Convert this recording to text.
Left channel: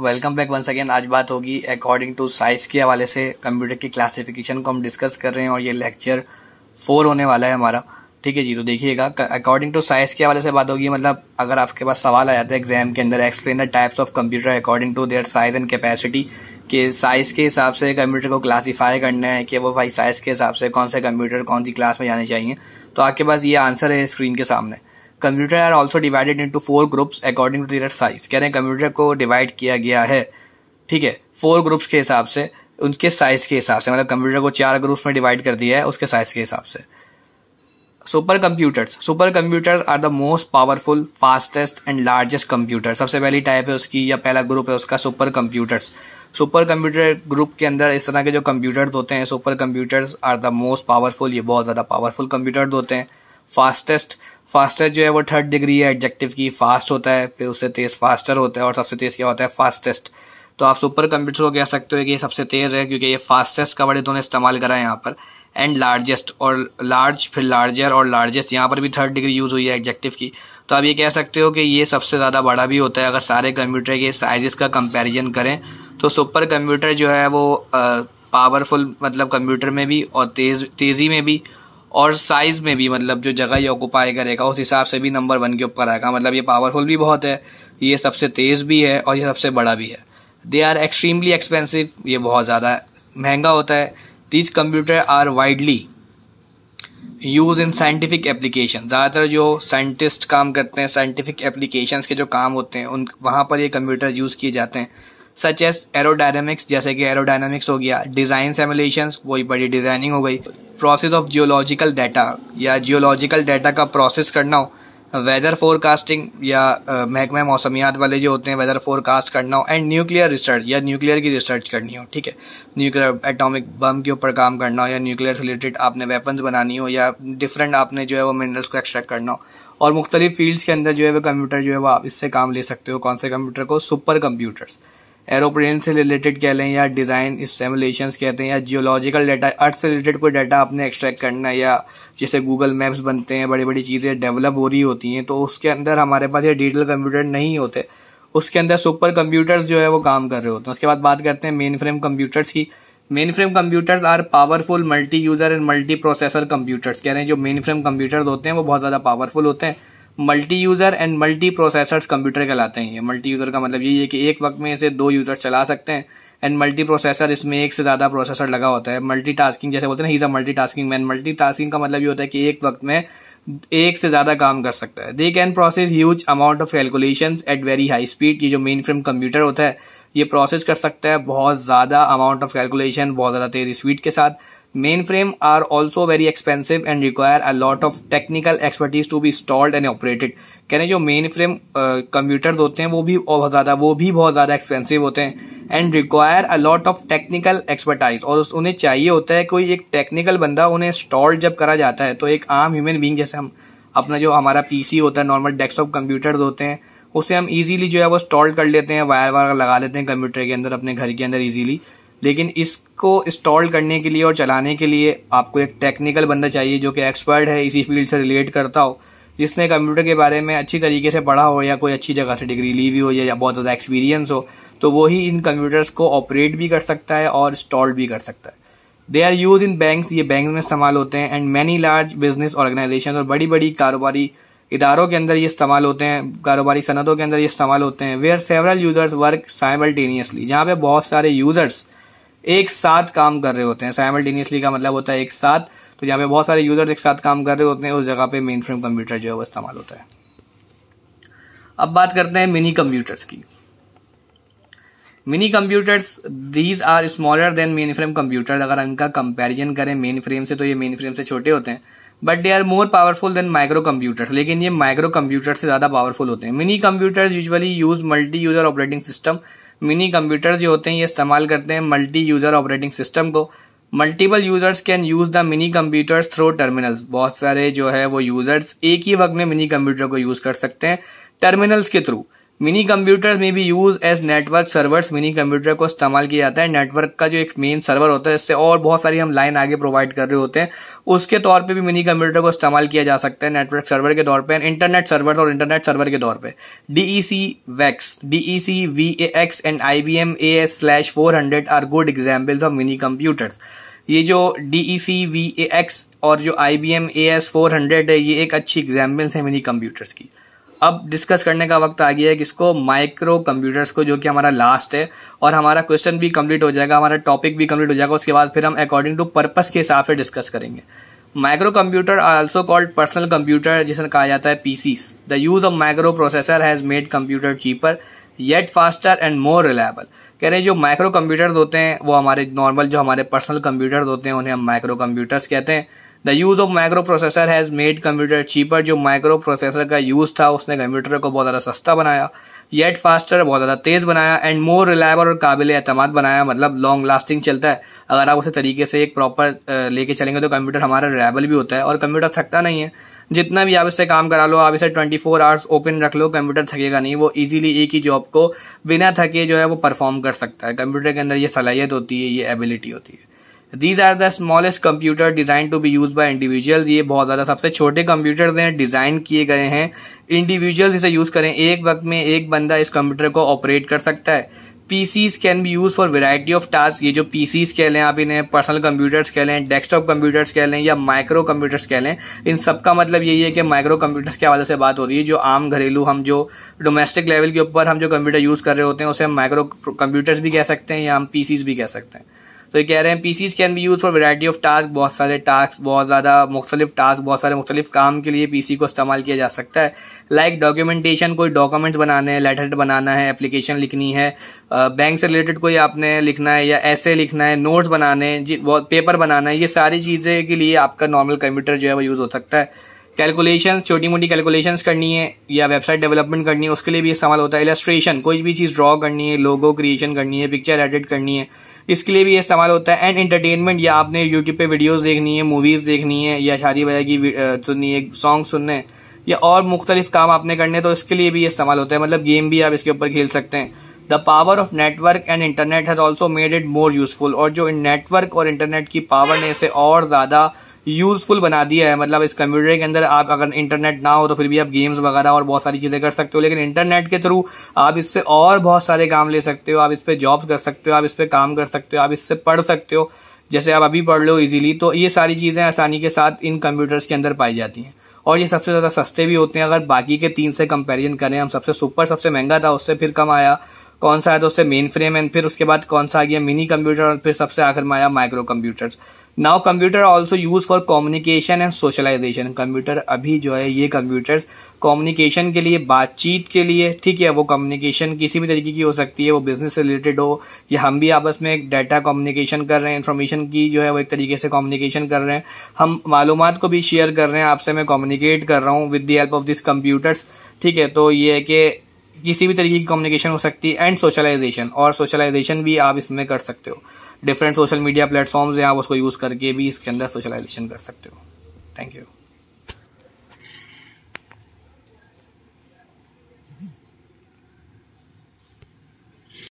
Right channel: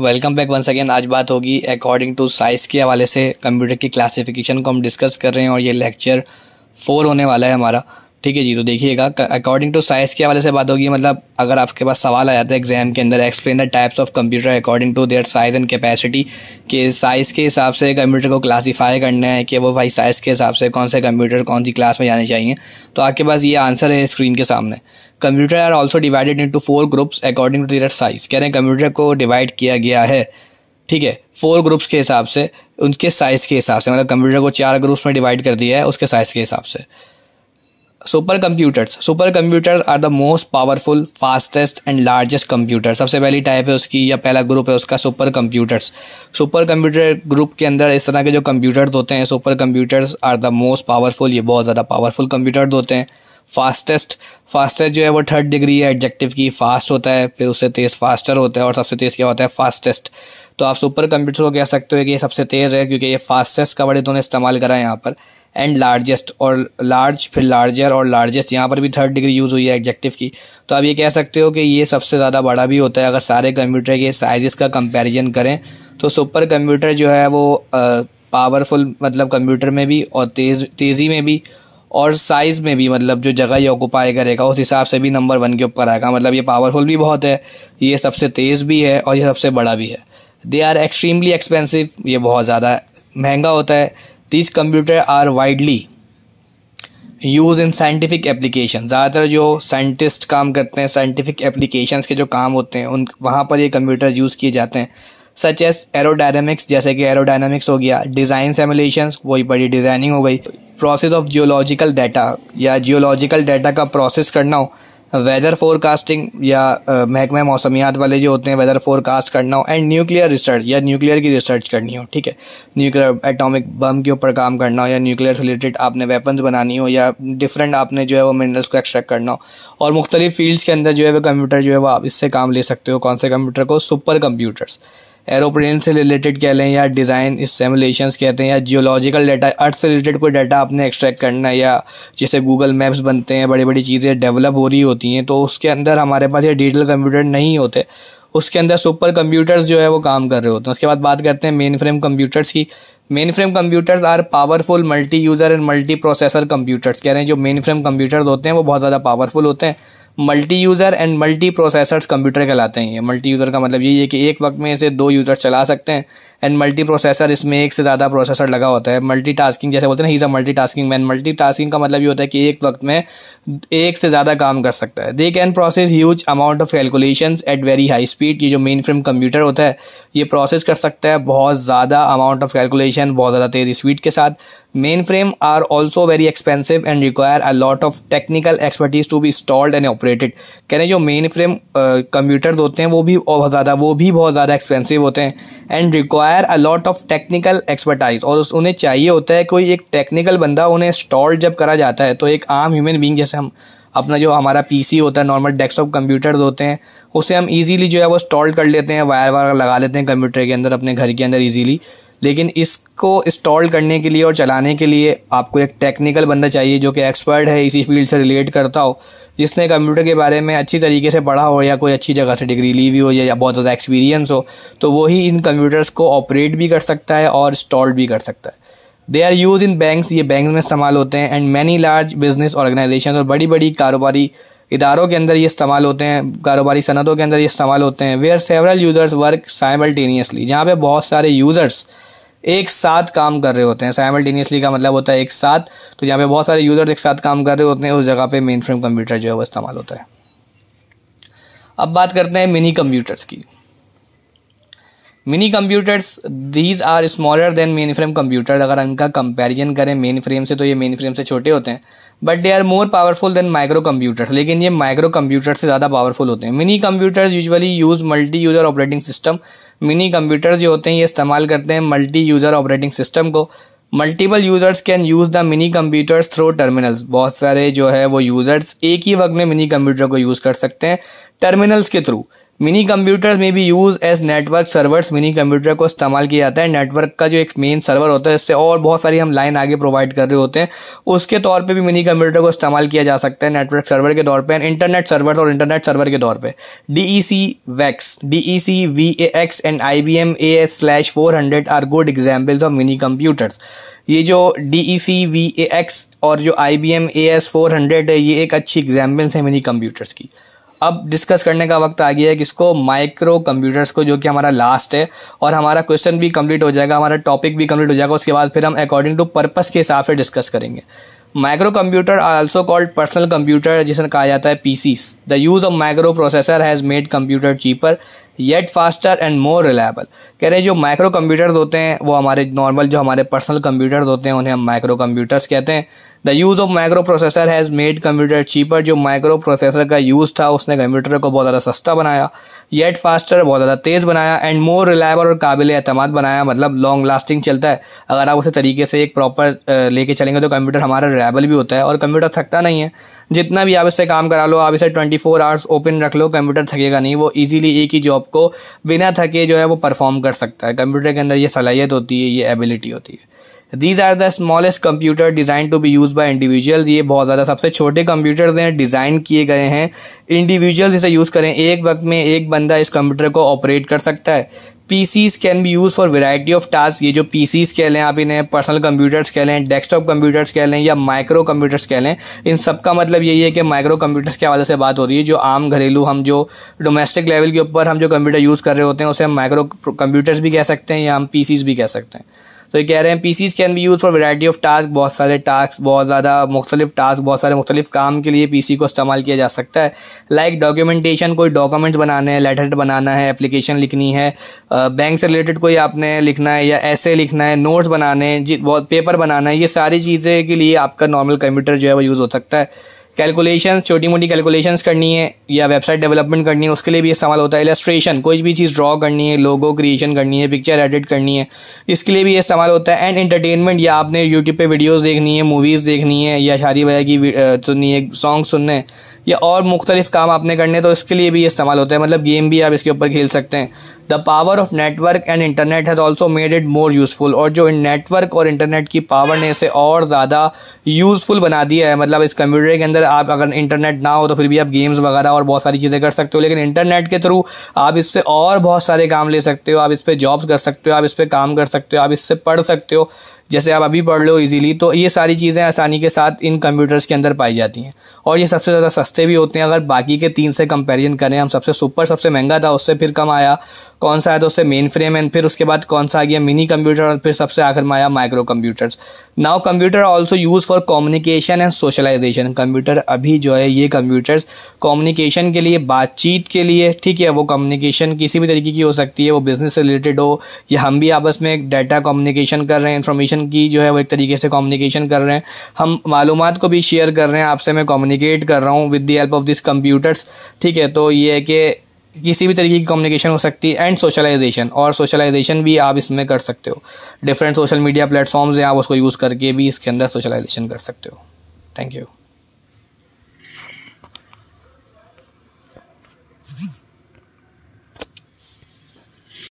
Welcome back once again. आज बात होगी अकॉर्डिंग टू साइज़ के हवाले से कंप्यूटर की क्लासिफिकेशन को हम डिस्कस कर रहे हैं और ये लेक्चर 4 होने वाला है हमारा। ठीक है जी, तो देखिएगा अकॉर्डिंग टू साइज़ के हवाले से बात होगी। मतलब अगर आपके पास सवाल आ जाता है एग्जाम के अंदर, explain the types of computer according to their size and capacity, के साइज़ के हिसाब से कंप्यूटर को क्लासीफाई करना है कि वो भाई साइज़ के हिसाब से कौन से कंप्यूटर कौन सी क्लास में जाने चाहिए। तो आपके पास ये आंसर है स्क्रीन के सामने। Computer are also divided into 4 groups according to their size. कह रहे हैं कंप्यूटर को डिवाइड किया गया है, ठीक है, 4 ग्रुप्स के हिसाब से, उनके साइज़ के हिसाब से। मतलब कंप्यूटर को 4 ग्रुप्स में डिवाइड कर दिया है उसके साइज़ के हिसाब से। Super computer are the most powerful, fastest and largest computer. सबसे पहली टाइप है उसकी या पहला ग्रुप है उसका super computers. Super computer group के अंदर इस तरह के जो कंप्यूटर्स होते हैं, super computers are the most powerful, ये बहुत ज़्यादा पावरफुल कंप्यूटर्स होते हैं। फास्टेस्ट जो है वो 3rd डिग्री है एडजेक्टिव की, फास्ट होता है, फिर उससे तेज़ फास्टर होता है और सबसे तेज़ क्या होता है, फास्टेस्ट। तो आप सुपर कंप्यूटर को कह सकते हो कि ये सबसे तेज़ है क्योंकि ये फास्टेस्ट का वर्ड इन्होंने इस्तेमाल करा है यहाँ पर। एंड लार्जेस्ट, और लार्ज, फिर लार्जर और लार्जेस्ट, यहाँ पर भी 3rd डिग्री यूज़ हुई है एडजेक्टिव की। तो आप ये कह सकते हो कि ये सबसे ज़्यादा बड़ा भी होता है। अगर सारे कंप्यूटर के साइज़ का कंपेरिजन करें तो सुपर कंप्यूटर जो है वो पावरफुल, मतलब कंप्यूटर में भी और तेज़ी में भी और साइज़ में भी, मतलब जो जगह ये ऑक्यूपाई करेगा उस हिसाब से भी नंबर 1 के ऊपर आएगा। मतलब ये पावरफुल भी बहुत है, ये सबसे तेज़ भी है और ये सबसे बड़ा भी है। दे आर एक्सट्रीमली एक्सपेंसिव, ये बहुत ज़्यादा महंगा होता है। This computer are widely use in scientific application. ज़्यादातर जो साइंटिस्ट काम करते हैं, साइंटिफिक एप्लीकेशंस के जो काम होते हैं उन वहाँ पर ये कंप्यूटर यूज़ किए जाते हैं। सच एस एरोडायनामिक्स, जैसे कि एरोडायनामिक्स हो गया। डिज़ाइन सिमुलेशंस, वही बड़ी डिज़ाइनिंग हो गई। प्रोसेस ऑफ जियोलॉजिकल डाटा, या जियोलॉजिकल डाटा का प्रोसेस करना हो। वेदर फोरकास्टिंग, या महकमा मौसमियात वाले जो होते हैं, वेदर फोरकास्ट करना हो। एंड न्यूक्लियर रिसर्च, या न्यूक्लियर की रिसर्च करनी हो, ठीक है, न्यूक्लियर एटॉमिक बम के ऊपर काम करना हो, या न्यूक्लियर से रिलेटेड आपने वेपन्स बनानी हो, या डिफरेंट आपने जो है वो मिनरल्स को एक्सट्रैक्ट करना हो। और मुख्तलिफ फील्ड्स के अंदर जो है वो कंप्यूटर जो है वो आप इससे काम ले सकते हो। कौन से कंप्यूटर को? Super computers. एरोप्लेन से रिलेटेड कह लें, या डिज़ाइन इस सिमुलेशंस कहते हैं, या जियोलॉजिकल डाटा, अर्थ से रिलेटेड कोई डाटा आपने एक्सट्रैक्ट करना है, या जैसे गूगल मैप्स बनते हैं, बड़ी बड़ी चीज़ें डेवलप हो रही होती हैं, तो उसके अंदर हमारे पास ये डिजिटल कंप्यूटर नहीं होते, उसके अंदर सुपर कंप्यूटर्स जो है वो काम कर रहे होते हैं। उसके बाद बात करते हैं मेन फ्रेम कंप्यूटर्स की। Main frame computers are powerful multi user and multi processor computers. कह रहे हैं जो मेन फ्रेम कंप्यूटर्स होते हैं वो बहुत ज़्यादा पावरफुल होते हैं। Multi user and multi processors computer कहलाते हैं। ये मल्टी यूज़र का मतलब यही है कि एक वक्त में इसे 2 यूज़र चला सकते हैं। एंड मल्टी प्रोसेसर, इसमें एक से ज़्यादा प्रोसेसर लगा होता है। मल्टी टास्किंग, जैसे बोलते हैं ना, he is a multi tasking man. Multi tasking का मतलब ये होता है कि एक वक्त में एक से ज़्यादा काम कर सकता है। They can process huge amount of calculations at very high speed. ये जो मेन फ्रेम कंप्यूटर होता है ये प्रोसेस कर सकता है बहुत ज़्यादा अमाउंट ऑफ कैलकुलेशन, बहुत ज़्यादा तेज़ स्पीड के साथ। Main frame are also very expensive and require a lot of technical expertise to be installed and operated. कह रहे हैं जो मेन फ्रेम कंप्यूटर होते हैं वो भी बहुत ज़्यादा एक्सपेंसिव होते हैं। And require a lot of technical expertise, और उन्हें चाहिए होता है कोई एक टेक्निकल बंदा। उन्हें इंस्टॉल जब करा जाता है तो एक आम ह्यूमन बीइंग, जैसे हम अपना जो हमारा पीसी होता है, नॉर्मल डेस्कटॉप कंप्यूटर होते हैं, उसे हम इजीली जो है वो इंस्टॉल कर लेते हैं, वायर लगा लेते हैं कंप्यूटर के अंदर, अपने घर के अंदर इजीली। लेकिन इसको इंस्टॉल करने के लिए और चलाने के लिए आपको एक टेक्निकल बंदा चाहिए जो कि एक्सपर्ट है, इसी फील्ड से रिलेट करता हो, जिसने कंप्यूटर के बारे में अच्छी तरीके से पढ़ा हो, या कोई अच्छी जगह से डिग्री ली हुई हो, या बहुत ज़्यादा एक्सपीरियंस हो। तो वही इन कंप्यूटर्स को ऑपरेट भी कर सकता है और इंस्टॉल भी कर सकता है। They are use in banks, ये बैंक में इस्तेमाल होते हैं। And many large business organisation, और बड़ी बड़ी कारोबारी इदारों के अंदर ये इस्तेमाल होते हैं, कारोबारी सनदों के अंदर ये इस्तेमाल होते हैं। Where several users work simultaneously, जहाँ पे बहुत सारे यूजर्स एक साथ काम कर रहे होते हैं। साइमल्टेनियसली का मतलब होता है एक साथ, तो जहाँ पे बहुत सारे यूजर्स एक साथ काम कर रहे होते हैं उस जगह पे मेन फ्रेम कंप्यूटर जो है वो इस्तेमाल होता है। अब बात करते हैं मिनी कंप्यूटर्स की। Mini computers, these are smaller than main frame computers. अगर इनका कंपैरिजन करें मेन फ्रेम से तो ये मेन फ्रेम से छोटे होते हैं। But they are more powerful than micro computers, लेकिन ये माइक्रो कंप्यूटर से ज़्यादा पावरफुल होते हैं। Mini computers usually use multi user operating system. Mini computers जो होते हैं ये इस्तेमाल करते हैं मल्टी यूज़र ऑपरेटिंग सिस्टम को। Multiple users can use the mini computers through terminals. बहुत सारे जो है वो यूजर्स एक ही वक्त में मिनी कंप्यूटर को यूज़ कर सकते हैं टर्मिनल्स के थ्रू। मिनी कंप्यूटर में भी use as network servers. Mini computer को इस्तेमाल किया जाता है नेटवर्क का जो एक मेन सर्वर होता है, इससे और बहुत सारी हम लाइन आगे प्रोवाइड कर रहे होते हैं, उसके तौर पे भी मिनी कंप्यूटर को इस्तेमाल किया जा सकता है नेटवर्क सर्वर के तौर पे, इंटरनेट सर्वर और इंटरनेट सर्वर के तौर पे। DEC VAX and IBM AS/400 are good examples of mini computers. ये जो DEC VAX और जो IBM AS/400 है, ये एक अच्छी एग्जाम्पल्स है मिनी कंप्यूटर्स की। अब डिस्कस करने का वक्त आ गया है किसको, माइक्रो कंप्यूटर्स को, जो कि हमारा लास्ट है, और हमारा क्वेश्चन भी कंप्लीट हो जाएगा, हमारा टॉपिक भी कंप्लीट हो जाएगा। उसके बाद फिर हम अकॉर्डिंग टू पर्पस के हिसाब से डिस्कस करेंगे। Micro computer are also called personal computer, जिसे कहा जाता है PCs। The use of micro processor has made computer cheaper yet faster and more reliable. कह रहे हैं जो माइक्रो कंप्यूटर्स होते हैं वो हमारे नॉर्मल जो हमारे पर्सनल कंप्यूटर्स होते हैं उन्हें हम माइक्रो कंप्यूटर्स कहते हैं। The use of micro processor has made computer cheaper. जो माइक्रो प्रोसेसर का यूज़ था उसने कंप्यूटर को बहुत ज़्यादा सस्ता बनाया, येट फास्टर बहुत ज़्यादा तेज़ बनाया, एंड मोर रिलायबल और काबिल एतमाद बनाया, मतलब लॉन्ग लास्टिंग चलता है। अगर आप उसे तरीके से एक प्रॉपर लेके चलेंगे तो कंप्यूटर हमारा रिलायबल भी होता है और कंप्यूटर थकता नहीं है। जितना भी आप इससे काम करा लो, आप इसे 24 आवर्स ओपन रख लो, कंप्यूटर थकेगा नहीं। वो ईजिली एक ही जॉब को बिना थके जो है वो परफॉर्म कर सकता है। कंप्यूटर के अंदर ये सलाहियत होती है, ये एबिलिटी होती है। These are the smallest computer designed to be used by individuals। ये बहुत ज़्यादा सबसे छोटे कंप्यूटर्स हैं, डिज़ाइन किए गए हैं इंडिविजुअल्स इसे यूज़ करें। एक वक्त में एक बंदा इस कंप्यूटर को ऑपरेट कर सकता है। PCs can be use for variety of task. ये जो PCs कह लें आप, इन्हें पर्सनल कंप्यूटर्स कह लें, डेस्कटॉप कंप्यूटर्स कह लें या माइक्रो कंप्यूटर्स कह लें, इन सब का मतलब यही है कि माइक्रो कंप्यूटर्स के हवाले से बात हो रही है। जो आम घरेलू हम जो डोमेस्टिक लेवल के ऊपर हम जो कंप्यूटर यूज़ कर रहे होते हैं उसे हम माइक्रो कंप्यूटर्स भी कह सकते हैं या हम PCs भी कह सकते हैं। तो ये कह रहे हैं PCs can be use for variety of task. बहुत सारे टास्क, बहुत ज़्यादा मुख्तलिफ टास्क, बहुत सारे मुख्तलिफ काम के लिए PC को इस्तेमाल किया जा सकता है। लाइक डॉक्यूमेंटेशन, कोई डॉक्यूमेंट्स बनाने हैं, लेटर बनाना है, एप्लीकेशन लिखनी है, बैंक से रिलेटेड कोई आपने लिखना है या ऐसे लिखना है, नोट्स बनाने हैं, बहुत पेपर बनाना है, ये सारी चीज़ें के लिए आपका नॉर्मल कंप्यूटर जो है वो यूज़ हो सकता है। कैलकुलेशन, छोटी मोटी कैलकुलेशंस करनी है या वेबसाइट डेवलपमेंट करनी है, उसके लिए भी इस्तेमाल होता है। इलस्ट्रेशन, कोई भी चीज़ ड्रॉ करनी है, लोगो क्रिएशन करनी है, पिक्चर एडिट करनी है, इसके लिए भी इस्तेमाल होता है। एंड एंटरटेनमेंट, या आपने यूट्यूब पे वीडियोस देखनी है, मूवीज़ देखनी है या शादी ब्याह की सुननी है, सॉन्ग सुनने हैं या और मुख्तलिफ काम आपने करने, तो इसके लिए भी इस्तेमाल होता है। मतलब गेम भी आप इसके ऊपर खेल सकते हैं। The power of network and internet has also made it more useful. और जो नेटवर्क और इंटरनेट की पावर ने इसे और ज़्यादा यूज़फुल बना दिया है। मतलब इस कंप्यूटर के अंदर आप अगर इंटरनेट ना हो तो फिर भी आप गेम्स वगैरह और बहुत सारी चीज़ें कर सकते हो, लेकिन इंटरनेट के थ्रू आप इससे और बहुत सारे काम ले सकते हो। आप इस पर जॉब्स कर सकते हो, आप इस पर काम कर सकते हो, आप इससे पढ़ सकते हो, जैसे आप अभी पढ़ लो इजीली। तो ये सारी चीज़ें आसानी के साथ इन कंप्यूटर्स के अंदर पाई जाती हैं और ये सबसे ज़्यादा सस्ते भी होते हैं। अगर बाकी के 3 से कंपेरिजन करें, हम सबसे महंगा था, उससे फिर कम आया कौन सा है तो उससे मेन फ्रेम एंड फिर उसके बाद कौन सा आ गया मिनी कंप्यूटर और फिर सबसे आखिर में आया micro computers. Now computer also use for communication and socialisation. Computer अभी जो है ये कंप्यूटर्स कम्युनिकेशन के लिए, बातचीत के लिए, ठीक है, वो कम्युनिकेशन किसी भी तरीके की हो सकती है, वो बिजनेस से रिलेटेड हो या हम भी आपस में डाटा कम्युनिकेशन कर रहे हैं, इन्फॉर्मेशन की जो है वो एक तरीके से कम्युनिकेशन कर रहे हैं, हम मालूमात को भी शेयर कर रहे हैं, आपसे मैं कम्युनिकेट कर रहा हूँ with the help of this computers. ठीक है, तो ये है कि किसी भी तरीके की कम्युनिकेशन हो सकती है। एंड सोशलाइजेशन, और सोशलाइजेशन भी आप इसमें कर सकते हो। डिफरेंट सोशल मीडिया प्लेटफॉर्म्स हैं, आप उसको यूज़ करके भी इसके अंदर सोशलाइजेशन कर सकते हो। Thank you.